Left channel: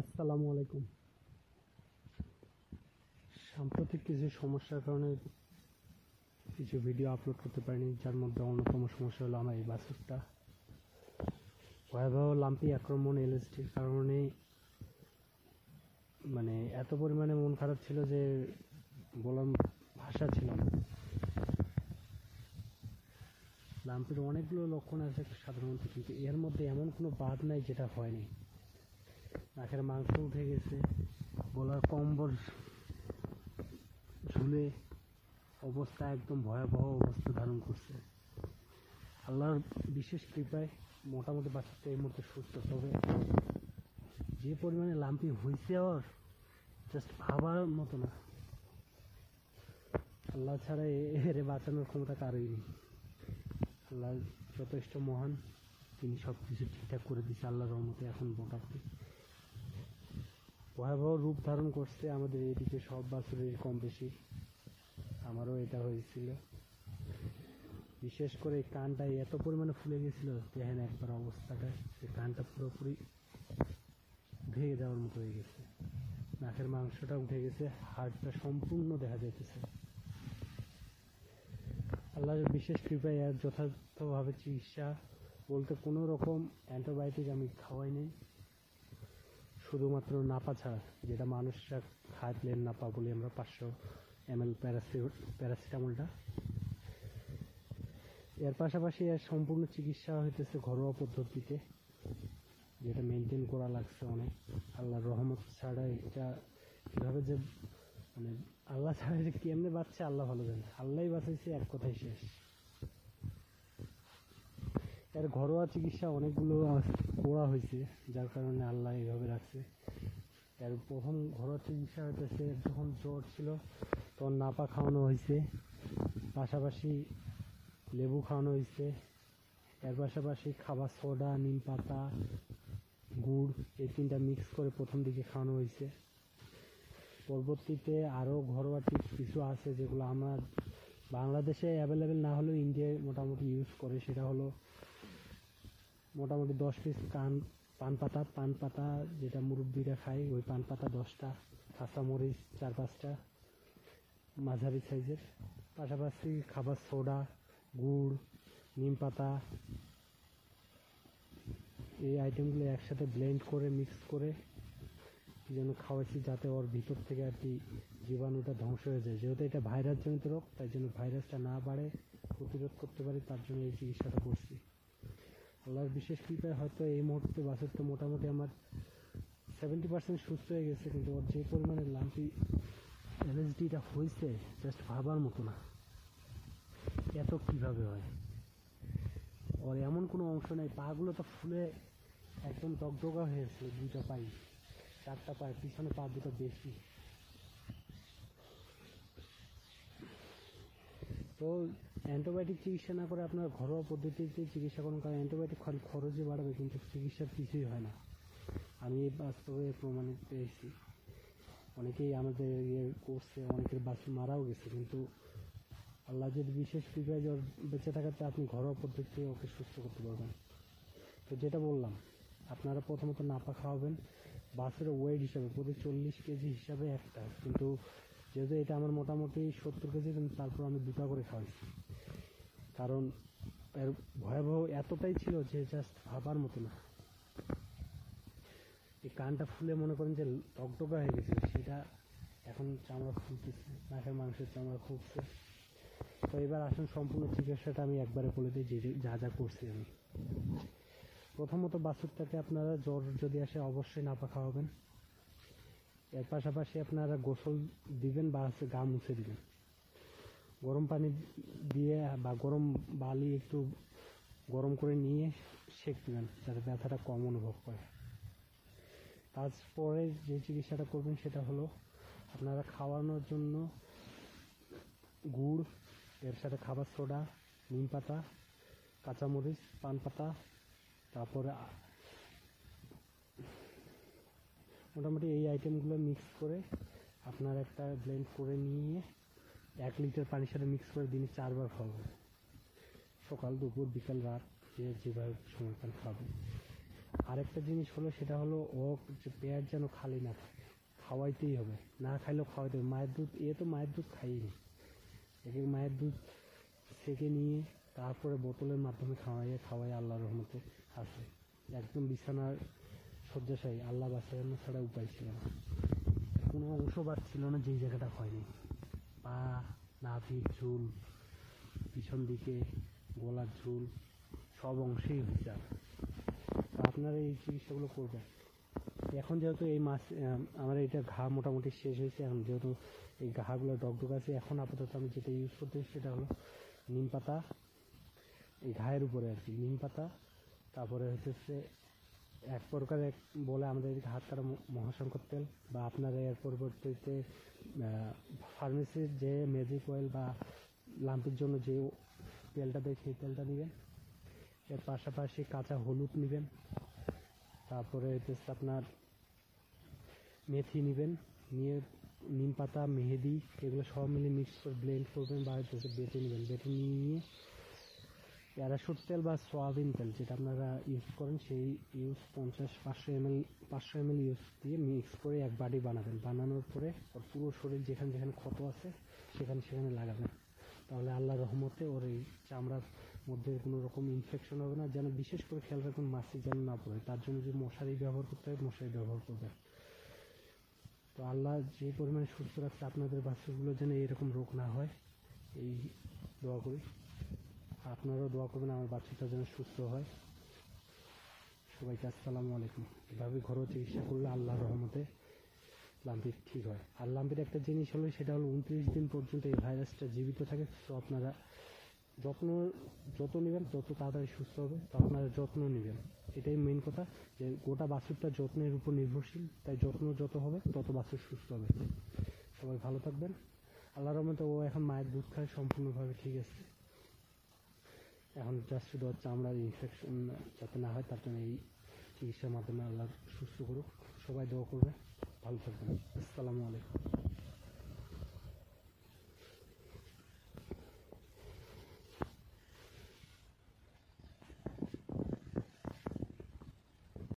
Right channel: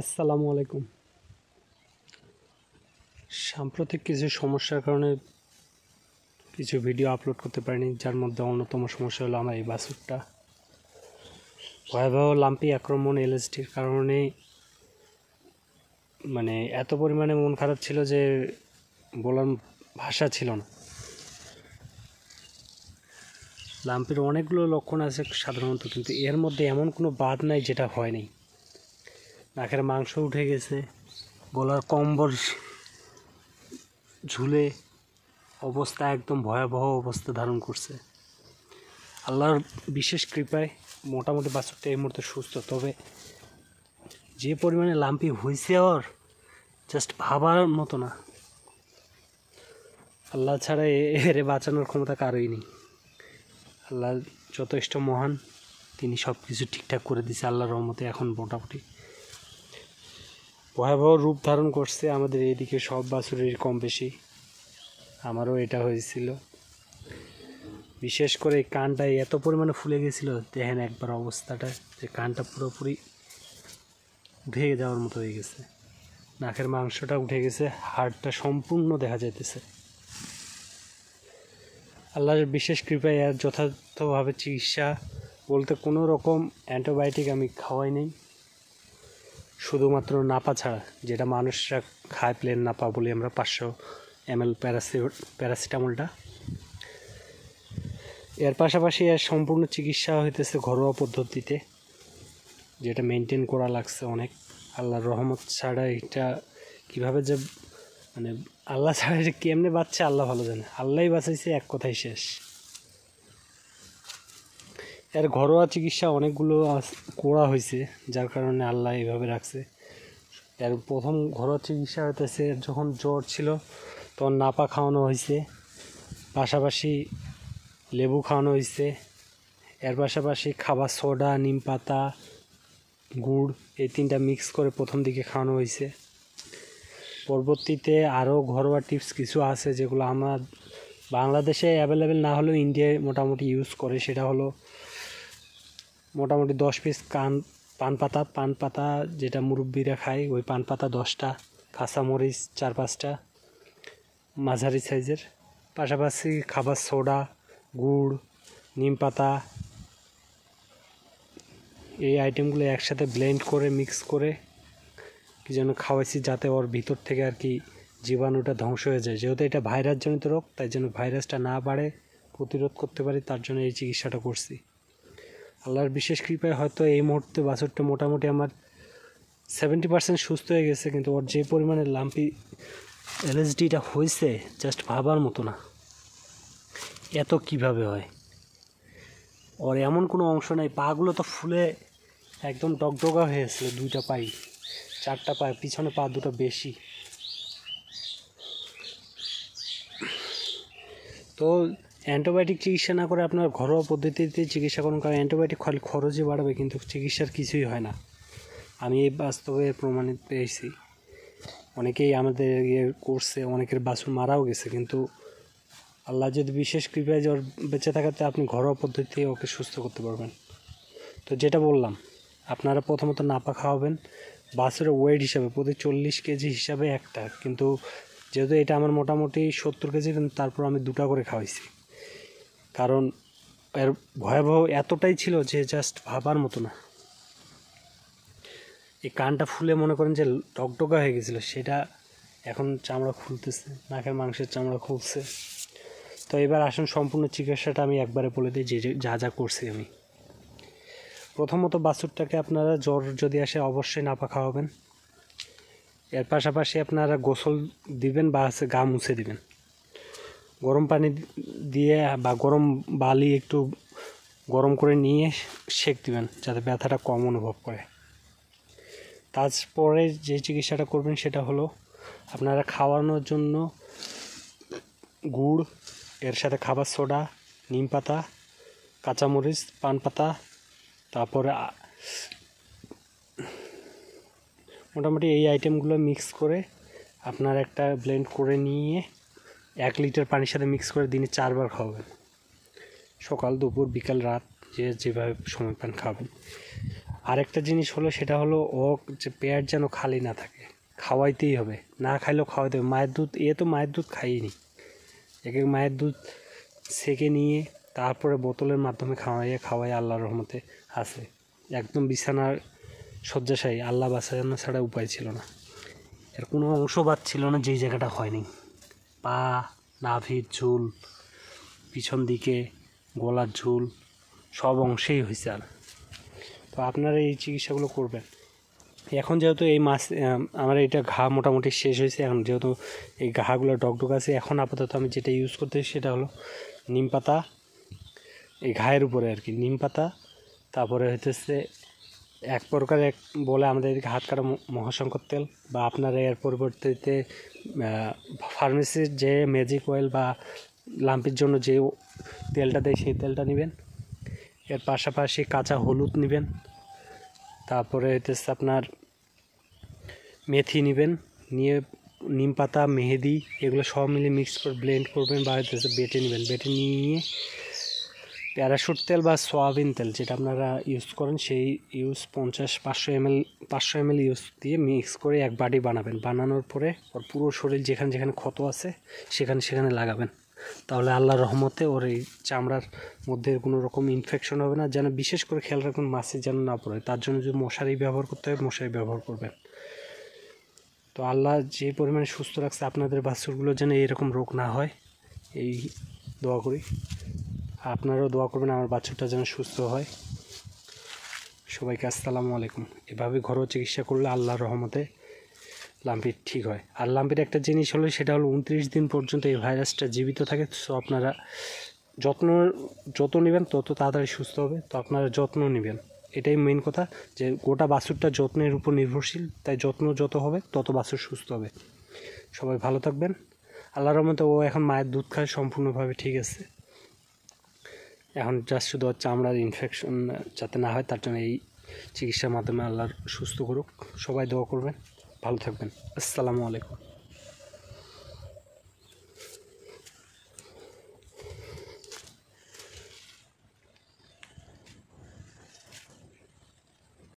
আসসালামু আলাইকুম। সাম্প্রতিক কিছু সমস্যার কারণে কিছু ভিডিও আপলোড করতে পারিনি, যার মধ্যে অন্যতম সমস্যা হলো আমার এই বাছুরটা। ভয়াবহ লাম্পি আক্রমণ এলএসডির কারণে এত পরিমাণে মন খারাপ ছিল যে বলার ভাষা ছিল না। লাম্পির অনেকগুলো লক্ষণ আছে সাধারণত, কিন্তু এর মধ্যে এমন কোনো বাদ নাই যেটা হয়নি। নাকের মাংস উঠে গেছে, গলার কম্বল ঝুলে অবস্থা একদম ভয়াবহ অবস্থা ধারণ করছে। আল্লাহর বিশেষ কৃপায় মোটামুটি বাছুরটা এই মুহূর্তে সুস্থ। তবে যে পরিমাণে লাম্পি হয়েছে ওর জাস্ট ভাবার মতো না। আল্লাহ ছাড়া এরে বাঁচানোর ক্ষমতা কারোই নেই। আল্লাহ যথেষ্ট মহান, তিনি সব কিছু ঠিকঠাক করে দিয়েছে আল্লাহর রহমতে। এখন মোটামুটি ভয়াবহ রূপ ধারণ করছে আমাদের এইদিকে সব বাছুরের কম বেশি, আমারও এটা হয়েছিল। বিশেষ করে এই কানটা এত পরিমাণে ফুলে গেছিলো, দেখেন একবার অবস্থাটা, যে কানটা পুরোপুরি উঠে যাওয়ার মতো হয়ে গেছে। নাকের মাংসটা উঠে গেছে, হাড়টা সম্পূর্ণ দেখা যাইতেছে। আল্লাহর বিশেষ কৃপায় এর যথার্থভাবে চিকিৎসা বলতে কোনো রকম অ্যান্টিবায়োটিক আমি খাওয়াই নেই, শুধুমাত্র নাপা ছাড়া, যেটা মানুষরা খায়, প্লেন নাপা বলি আমরা, 500 ml প্যারাসিটামলটা। এর পাশাপাশি এর সম্পূর্ণ চিকিৎসা হইতেছে ঘরোয়া পদ্ধতিতে, যেটা মেনটেন করা লাগছে অনেক। আল্লাহর রহমত ছাড়া এটা কীভাবে যে আল্লাহ ছাড়া এটা কেমনে বাঁচছে আল্লাহ ভালো জানে। আল্লাহই বাঁচাইছে, এক কথাই শেষ। এর ঘরোয়া চিকিৎসা অনেকগুলো করা হয়েছে, যার কারণে আল্লাহ এইভাবে রাখছে। এর প্রথম ঘরোয়া চিকিৎসা হইতেছে, যখন জ্বর ছিল তখন নাপা খাওয়ানো হয়েছে, পাশাপাশি লেবু খাওয়ানো হয়েছে, এর পাশাপাশি খাবার সোডা, নিম পাতা, গুড়, এই 3টা মিক্স করে প্রথম দিকে খাওয়ানো হয়েছে। পরবর্তীতে আরও ঘরোয়া টিপস কিছু আছে যেগুলো আমার বাংলাদেশে অ্যাভেলেবেল না হলেও ইন্ডিয়ায় মোটামুটি ইউজ করে। সেটা হলো মোটামুটি 10 পিস পান পাতা, যেটা মুরব্বিরা খায়, ওই পান পাতা 10টা, কাঁচামরিচ 4-5টা মাঝারি সাইজের, পাশাপাশি খাবার সোডা, গুড়, নিম পাতা, এই আইটেমগুলো একসাথে ব্লেন্ড করে মিক্স করে কি যেন খাওয়াইছি, যাতে ওর ভিতর থেকে আর কি জীবাণুটা ধ্বংস হয়ে যায়। যেহেতু এটা ভাইরাসজনিত রোগ, তাই জন্য ভাইরাসটা না বাড়ে, প্রতিরোধ করতে পারি, তার জন্য এই চিকিৎসাটা করছি। আল্লাহর বিশেষ কৃপায় হয়তো এই মুহূর্তে বাছুরটা মোটামুটি আমার 70% সুস্থ হয়ে গেছে। কিন্তু ওর যে পরিমাণে লাম্পি এলএসডিটা হয়েছে জাস্ট ভাবার মতো না। এত কিভাবে হয়? ওর এমন কোনো অংশ নাই, পাগুলো তো ফুলে একদম ডগডগা হয়েছিল, 2টা পাই, 4টা পায়ে, পিছনে পা 2টা বেশি। তো অ্যান্টিবায়োটিক চিকিৎসা না করে আপনার ঘরোয়া পদ্ধতিতে চিকিৎসা করুন, কারণ অ্যান্টিবায়োটিক খালি খরচই বাড়াবে, কিন্তু চিকিৎসার কিছুই হয় না। আমি এই বাস্তবে প্রমাণিত পেয়েছি। অনেকেই আমাদের করছে, অনেকের বাছুর মারাও গেছে, কিন্তু আল্লাহ যদি বিশেষ কৃপায় জ্বর বেঁচে থাকাতে আপনি ঘরোয়া পদ্ধতিতে ওকে সুস্থ করতে পারবেন। তো যেটা বললাম, আপনারা প্রথমত নাপা খাওয়াবেন বাছুরের ওয়েট হিসাবে, প্রতি 40 কেজি হিসাবে একটা। কিন্তু যেহেতু এটা আমার মোটামুটি 70 কেজি, কিন্তু তারপর আমি 2টা করে খাওয়াইছি, কারণ এর ভয়াবহ এতটাই ছিল যে জাস্ট ভাবার মতো না। এই কানটা ফুলে মনে করেন যে ডগডগা হয়ে গেছিলো, সেটা এখন চামড়া খুলতেছে, নাকের মাংসের চামড়া খুলছে। তো এবার আসুন সম্পূর্ণ চিকিৎসাটা আমি একবারে বলে দিই, যে যা যা করছি আমি। প্রথমত বাছুরটাকে আপনারা জ্বর যদি আসে অবশ্যই নাপা খাওয়াবেন। এর পাশাপাশি আপনারা গোসল দিবেন বা গা মুছে দিবেন, গরম পানি দিয়ে বা গরম বালি একটু গরম করে নিয়ে সেঁক দিবেন, যাতে ব্যথাটা কম অনুভব করে। তারপরে যে চিকিৎসাটা করবেন সেটা হলো, আপনারা খাওয়ানোর জন্য গুড়, এর সাথে খাবার সোডা, নিম পাতা, কাঁচামরিচ, পান পাতা, তারপরে মোটামুটি এই আইটেমগুলো মিক্স করে আপনার একটা ব্লেন্ড করে নিয়ে 1 লিটার পানির সাথে মিক্স করে দিনে 4 বার খাওয়াবেন, সকাল, দুপুর, বিকাল, রাত, যে যেভাবে সময় পান খাবেন। আরেকটা জিনিস হলো, সেটা হলো ও যে পেট যেন খালি না থাকে, খাওয়াইতেই হবে, না খাইলেও খাওয়াইতে হবে। মায়ের দুধ, তো মায়ের দুধ খাইনি, একে মায়ের দুধ সেকে নিয়ে তারপরে বোতলের মাধ্যমে খাওয়াই আল্লাহর রহমতে আছে। একদম বিছানার শয্যাশায়ী, আল্লাহ বাঁচানো ছাড়া উপায় ছিল না। এর কোনো অংশ বাদ ছিল না যেই জায়গাটা হয়নি। পা, নাভির ঝুল, পিছন দিকে গলার ঝুল, সব অংশেই হয়েছে। আর তো আপনারা এই চিকিৎসাগুলো করবেন। এখন যেহেতু এই মাস আমার এটা ঘা মোটামুটি শেষ হয়েছে, এখন যেহেতু এই ঘাগুলো ডগডগ আছে, এখন আপাতত আমি যেটা ইউজ করতেছি সেটা হলো নিম পাতা, এই ঘায়ের উপরে আর কি নিম পাতা। তারপরে হইতেছে এক প্রকার বলে আমাদের এদিকে হাত কাটা মহাশঙ্কর তেল, বা আপনারা এর পরিবর্তে ফার্মেসির যে ম্যাজিক অয়েল বা লাম্পির জন্য যে তেলটা দেয় সেই তেলটা নেবেন। এর পাশাপাশি কাঁচা হলুদ নেবেন। তারপরে হইতেছে আপনার মেথি নেবেন, নিয়ে নিম পাতা, মেহেদি, এগুলো সব মিলে মিক্স করে ব্লেন্ড করবেন, বা হইতেছে বেটে নেবেন। বেটে নিয়ে প্যারাশুট তেল বা সয়াবিন তেল যেটা আপনারা ইউজ করেন সেই 500 ml ইউজ দিয়ে মিক্স করে এক বাটি বানাবেন। বানানোর পরে ওর পুরো শরীর যেখানে যেখানে ক্ষত আছে সেখানে লাগাবেন। তাহলে আল্লাহর রহমতে ওর এই চামড়ার মধ্যে কোনো রকম ইনফেকশন হবে না। যেন বিশেষ করে খেয়াল রাখুন মাছি যেন না পড়ে, তার জন্য যদি মশারি ব্যবহার করতে হয় মশারি ব্যবহার করবেন। তো আল্লাহ যে পরিমাণে সুস্থ রাখছে আপনাদের বাছুরগুলো যেন এরকম রোগ না হয়, এই দোয়া করি। আপনারাও দোয়া করবেন আমার বাছুরটা যেন সুস্থ হয়। সবাইকে আসসালামু আলাইকুম। এভাবে ঘরোয়া চিকিৎসা করলে আল্লাহর রহমতে লাম্পির ঠিক হয়। আর লাম্পির একটা জিনিস হলো, সেটা হলো 29 দিন পর্যন্ত এই ভাইরাসটা জীবিত থাকে। সো আপনারা যত নেবেন তত তাড়াতাড়ি সুস্থ হবে। তো আপনারা যত্ন নেবেন, এটাই মেন কথা, যে গোটা বাছুরটা যত্নের উপর নির্ভরশীল। তাই যত্ন যত হবে তত বাছুর সুস্থ হবে। সবাই ভালো থাকবেন। আল্লাহর রহমতে ও এখন মায়ের দুধ খায়, সম্পূর্ণভাবে ঠিক আছে। এখন জাস্ট শুধু চামড়ার ইনফেকশন যাতে না হয় তার জন্য এই চিকিৎসার মাধ্যমে আল্লাহর সুস্থ করুক। সবাই দোয়া করবেন, ভালো থাকবেন। আসসালামু আলাইকুম।